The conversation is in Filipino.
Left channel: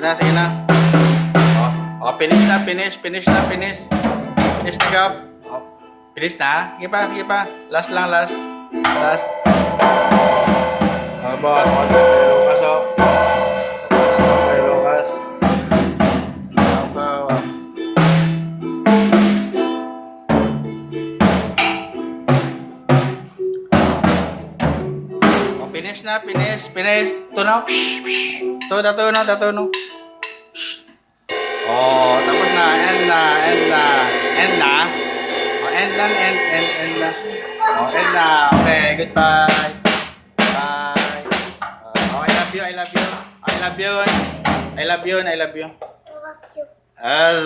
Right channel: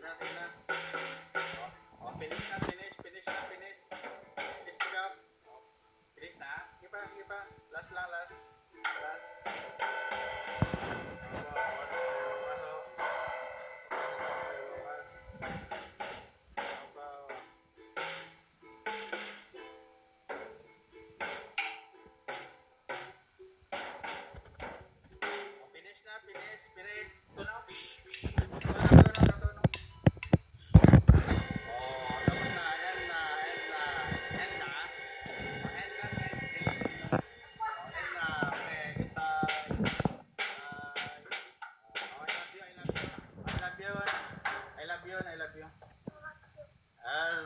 Sige na. Oh, finish na. Finish na, Gab. Oh, finish na. Sige pa. Last lang, last. Oh, boss. Lucas, oh. Lucas. Finish na. Tunaw. Tatunaw. Oh, tapos na. End na. Oh, end na. Oh, end na. Okay, goodbye. Bye. Oh, I love you. I love you. I love you. Ah,